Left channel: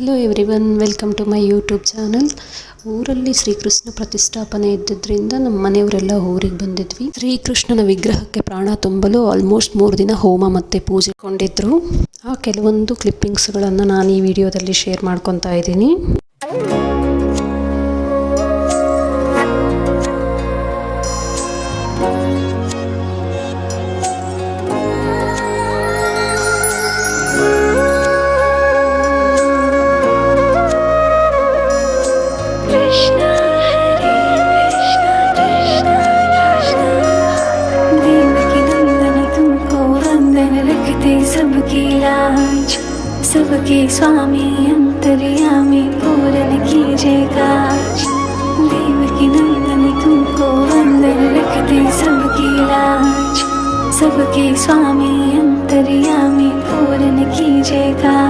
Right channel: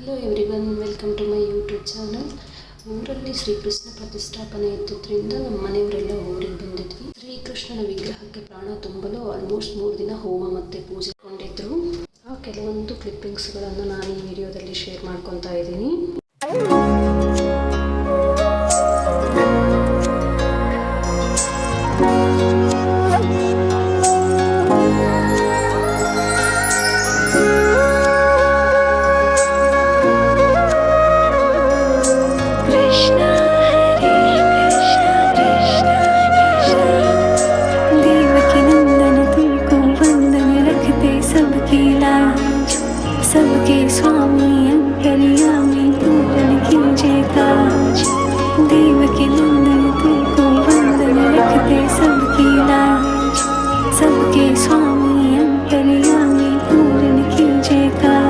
Hello everyone, welcome to my YouTube channel. ಊರಲ್ಲಿ ಶ್ರೀಕೃಷ್ಣ ಪ್ರತಿಷ್ಠಾಪನೆ ಇದ್ದಿದ್ದರಿಂದ ನಮ್ಮ ಮನೆಯವರೆಲ್ಲ ಊರಿಗೆ ಬಂದಿದ್ವಿ. ಶ್ರೀಕೃಷ್ಣನ ವಿಗ್ರಹಕ್ಕೆ ಪ್ರಾಣ ತುಂಬಲು ಆಲ್ಮೋಸ್ಟ್ 3 ದಿನ ಹೋಮ ಮತ್ತು ಪೂಜೆ ಕೊಂಡಿದ್ರು. ಆ ಕೆಲವೊಂದು ಕ್ಲಿಪ್ಪಿಂಗ್ಸ್ಗಳನ್ನು ನಾನು ಈ ವಿಡಿಯೋದಲ್ಲಿ ಶೇರ್ ಮಾಡ್ಕೊತಾ ಇದ್ದೀನಿ. सबके स्वामी अंतर्यामी पूर्ण कीजिए काज। देवकी नंदन तुमको वंदन रखते सबकी लाज। सबके स्वामी अंतर्यामी पूर्ण कीजिए काज।